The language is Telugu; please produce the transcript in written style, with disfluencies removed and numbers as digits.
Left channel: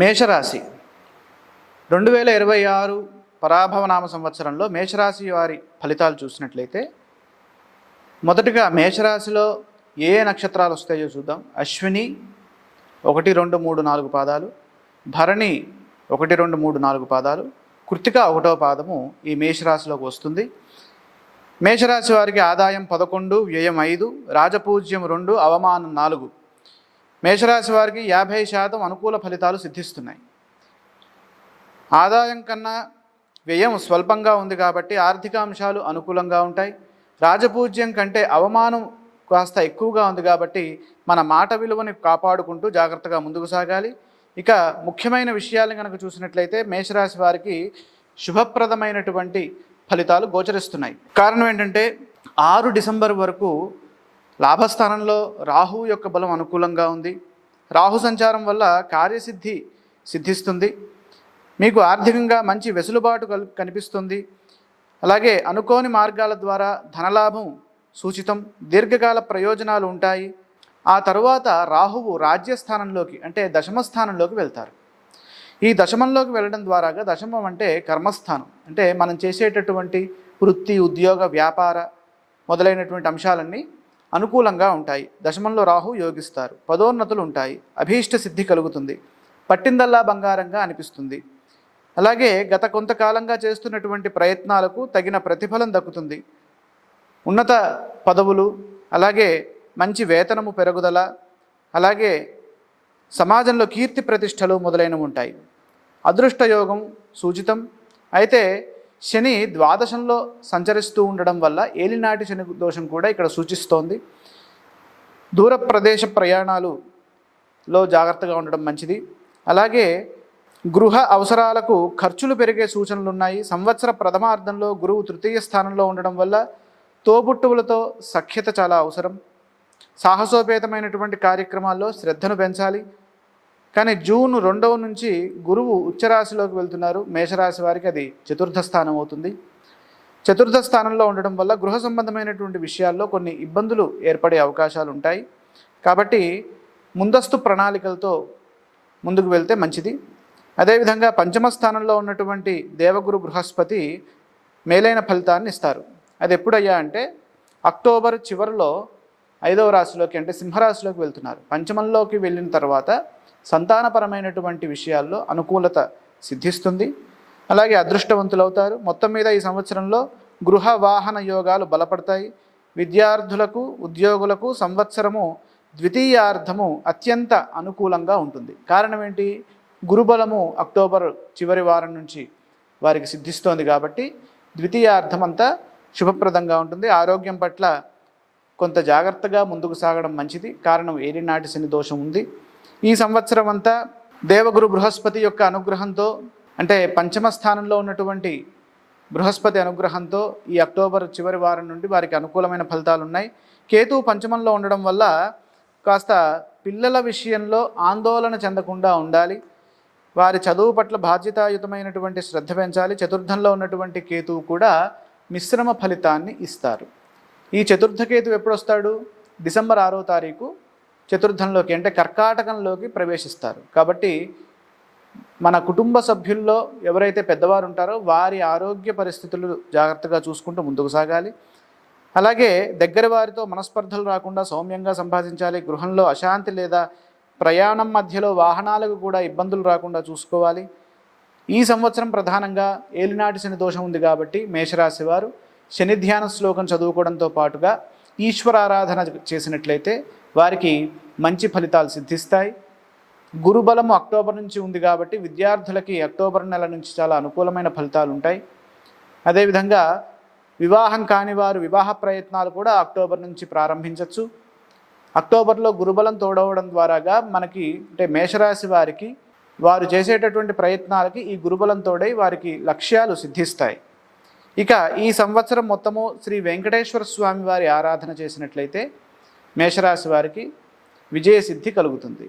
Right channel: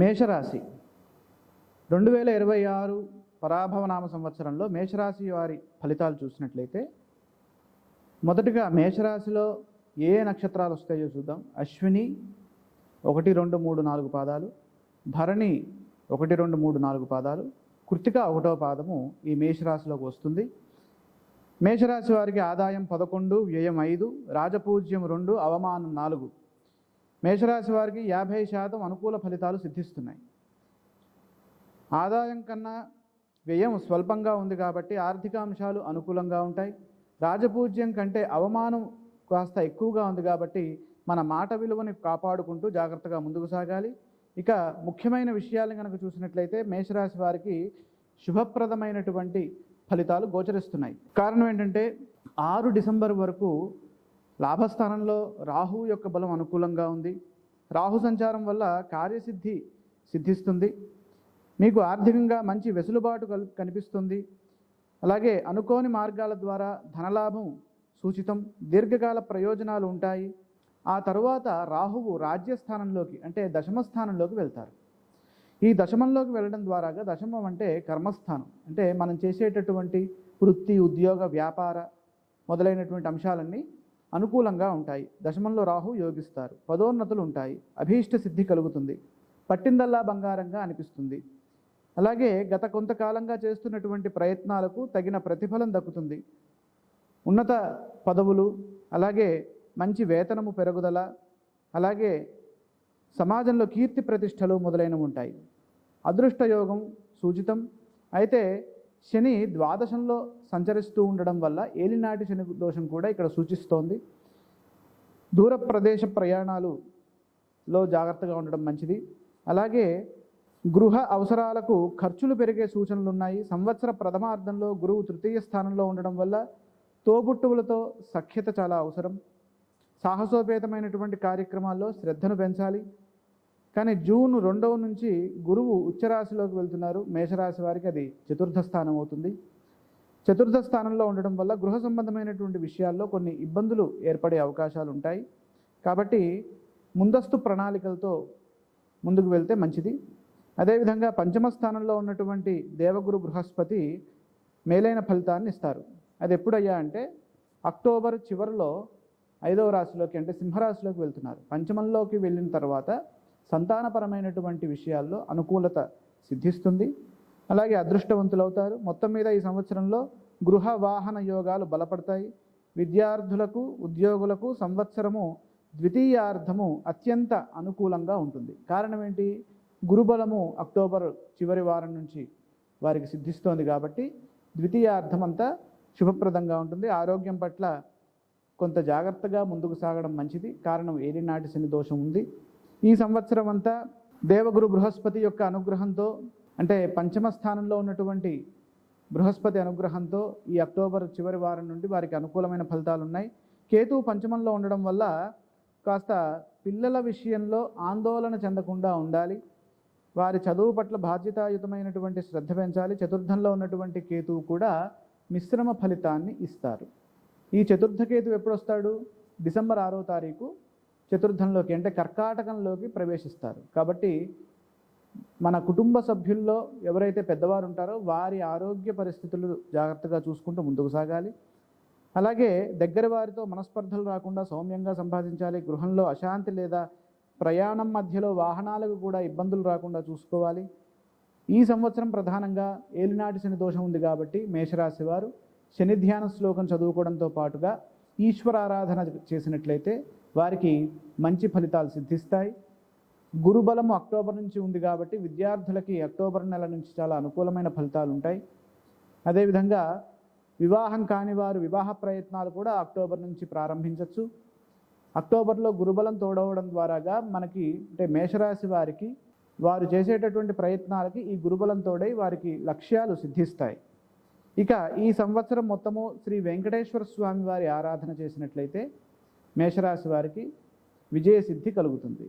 మేషరాశి 2026 పరాభవనామ సంవత్సరంలో మేషరాశి వారి ఫలితాలు చూసినట్లయితే మొదటగా మేషరాశిలో ఏ నక్షత్రాలు వస్తాయో చూద్దాం. అశ్విని 1, 2, 3, 4 పాదాలు, భరణి 1, 2, 3, 4 పాదాలు, కృత్తిక 1వ పాదము ఈ మేషరాశిలోకి వస్తుంది. మేషరాశి వారికి ఆదాయం 11, వ్యయం 5, రాజపూజ్యం 2, అవమానం 4. మేషరాశి వారికి 50% అనుకూల ఫలితాలు సిద్ధిస్తున్నాయి. ఆదాయం కన్నా వ్యయం స్వల్పంగా ఉంది కాబట్టి ఆర్థిక అంశాలు అనుకూలంగా ఉంటాయి. రాజపూజ్యం కంటే అవమానం కాస్త ఎక్కువగా ఉంది కాబట్టి మన మాట విలువని కాపాడుకుంటూ జాగ్రత్తగా ముందుకు సాగాలి. ఇక ముఖ్యమైన విషయాలను కనుక చూసినట్లయితే మేషరాశి వారికి శుభప్రదమైనటువంటి ఫలితాలు గోచరిస్తున్నాయి. కారణం ఏంటంటే 6 డిసెంబర్ వరకు లాభస్థానంలో రాహు యొక్క బలం అనుకూలంగా ఉంది. రాహు సంచారం వల్ల కార్యసిద్ధి సిద్ధిస్తుంది. మీకు ఆర్థికంగా మంచి వెసులుబాటు కనిపిస్తుంది. అలాగే అనుకోని మార్గాల ద్వారా ధనలాభం సూచితం, దీర్ఘకాల ప్రయోజనాలు ఉంటాయి. ఆ తరువాత రాహువు రాజ్యస్థానంలోకి అంటే దశమ స్థానంలోకి వెళ్తారు. ఈ దశమంలోకి వెళ్ళడం ద్వారాగా, దశమం అంటే కర్మస్థానం, అంటే మనం చేసేటటువంటి వృత్తి, ఉద్యోగ, వ్యాపార మొదలైనటువంటి అంశాలన్నీ అనుకూలంగా ఉంటాయి. దశమంలో రాహు యోగిస్తారు. పదోన్నతులు ఉంటాయి. అభీష్ట సిద్ధి కలుగుతుంది. పట్టిందల్లా బంగారంగా అనిపిస్తుంది. అలాగే గత కొంతకాలంగా చేస్తున్నటువంటి ప్రయత్నాలకు తగిన ప్రతిఫలం దక్కుతుంది. ఉన్నత పదవులు, అలాగే మంచి వేతనము పెరుగుదల, అలాగే సమాజంలో కీర్తి ప్రతిష్టలు మొదలైనవి ఉంటాయి. అదృష్టయోగం సూచితం. అయితే శని ద్వాదశంలో సంచరిస్తూ ఉండడం వల్ల ఏలినాటి శని దోషం కూడా ఇక్కడ సూచిస్తోంది. దూర ప్రదేశ ప్రయాణాలలో జాగ్రత్తగా ఉండడం మంచిది. అలాగే గృహ అవసరాలకు ఖర్చులు పెరిగే సూచనలు ఉన్నాయి. సంవత్సర ప్రథమార్థంలో గురువు తృతీయ స్థానంలో ఉండడం వల్ల తోబుట్టువులతో సఖ్యత చాలా అవసరం. సాహసోపేతమైనటువంటి కార్యక్రమాల్లో శ్రద్ధను పెంచాలి. కానీ జూన్ 2వ నుంచి గురువు ఉచ్చరాశిలోకి వెళ్తున్నారు. మేషరాశి వారికి అది చతుర్థ స్థానం అవుతుంది. చతుర్థ స్థానంలో ఉండడం వల్ల గృహ సంబంధమైనటువంటి విషయాల్లో కొన్ని ఇబ్బందులు ఏర్పడే అవకాశాలు ఉంటాయి. కాబట్టి ముందస్తు ప్రణాళికలతో ముందుకు వెళ్తే మంచిది. అదేవిధంగా పంచమ స్థానంలో ఉన్నటువంటి దేవగురు బృహస్పతి మేలైన ఫలితాన్ని ఇస్తారు. అది ఎప్పుడయ్యా అంటే అక్టోబర్ చివరిలో 5వ రాశిలోకి అంటే సింహరాశిలోకి వెళ్తున్నారు. పంచమంలోకి వెళ్ళిన తర్వాత సంతానపరమైనటువంటి విషయాల్లో అనుకూలత సిద్ధిస్తుంది. అలాగే అదృష్టవంతులవుతారు. మొత్తం మీద ఈ సంవత్సరంలో గృహ వాహన యోగాలు బలపడతాయి. విద్యార్థులకు, ఉద్యోగులకు సంవత్సరము ద్వితీయార్థము అత్యంత అనుకూలంగా ఉంటుంది. కారణం ఏంటి? గురుబలము అక్టోబర్ చివరి వారం నుంచి వారికి సిద్ధిస్తోంది కాబట్టి ద్వితీయార్థం అంతా శుభప్రదంగా ఉంటుంది. ఆరోగ్యం పట్ల కొంత జాగ్రత్తగా ముందుకు సాగడం మంచిది. కారణం ఏలినాటి శని దోషం ఉంది. ఈ సంవత్సరం అంతా దేవగురు బృహస్పతి యొక్క అనుగ్రహంతో, అంటే పంచమ స్థానంలో ఉన్నటువంటి బృహస్పతి అనుగ్రహంతో ఈ అక్టోబర్ చివరి వారం నుండి వారికి అనుకూలమైన ఫలితాలు ఉన్నాయి. కేతువు పంచమంలో ఉండడం వల్ల కాస్త పిల్లల విషయంలో ఆందోళన చెందకుండా ఉండాలి. వారి చదువు పట్ల బాధ్యతాయుతమైనటువంటి శ్రద్ధ పెంచాలి. చతుర్థంలో ఉన్నటువంటి కేతువు కూడా మిశ్రమ ఫలితాన్ని ఇస్తారు. ఈ చతుర్థ కేతువు ఎప్పుడు వస్తాడు? డిసెంబర్ 6వ తారీఖు చతుర్థంలోకి అంటే కర్కాటకంలోకి ప్రవేశిస్తారు. కాబట్టి మన కుటుంబ సభ్యుల్లో ఎవరైతే పెద్దవారు ఉంటారో వారి ఆరోగ్య పరిస్థితులు జాగ్రత్తగా చూసుకుంటూ ముందుకు సాగాలి. అలాగే దగ్గర వారితో మనస్పర్ధలు రాకుండా సౌమ్యంగా సంభాషించాలి. గృహంలో అశాంతి లేదా ప్రయాణం మధ్యలో వాహనాలకు కూడా ఇబ్బందులు రాకుండా చూసుకోవాలి. ఈ సంవత్సరం ప్రధానంగా ఏలినాటి శని దోషం ఉంది కాబట్టి మేషరాశి వారు శని ధ్యాన శ్లోకం చదువుకోవడంతో పాటుగా ఈశ్వరారాధన చేసినట్లయితే వారికి మంచి ఫలితాలు సిద్ధిస్తాయి. గురుబలము అక్టోబర్ నుంచి ఉంది కాబట్టి విద్యార్థులకి అక్టోబర్ నెల నుంచి చాలా అనుకూలమైన ఫలితాలు ఉంటాయి. అదేవిధంగా వివాహం కాని వారు వివాహ ప్రయత్నాలు కూడా అక్టోబర్ నుంచి ప్రారంభించవచ్చు. అక్టోబర్లో గురుబలం తోడవడం ద్వారాగా మనకి అంటే మేషరాశి వారికి వారు చేసేటటువంటి ప్రయత్నాలకి ఈ గురుబలం తోడై వారికి లక్ష్యాలు సిద్ధిస్తాయి. ఇక ఈ సంవత్సరం మొత్తము శ్రీ వెంకటేశ్వర స్వామి వారి ఆరాధన చేసినట్లయితే మేషరాశి వారికి విజయసిద్ధి కలుగుతుంది.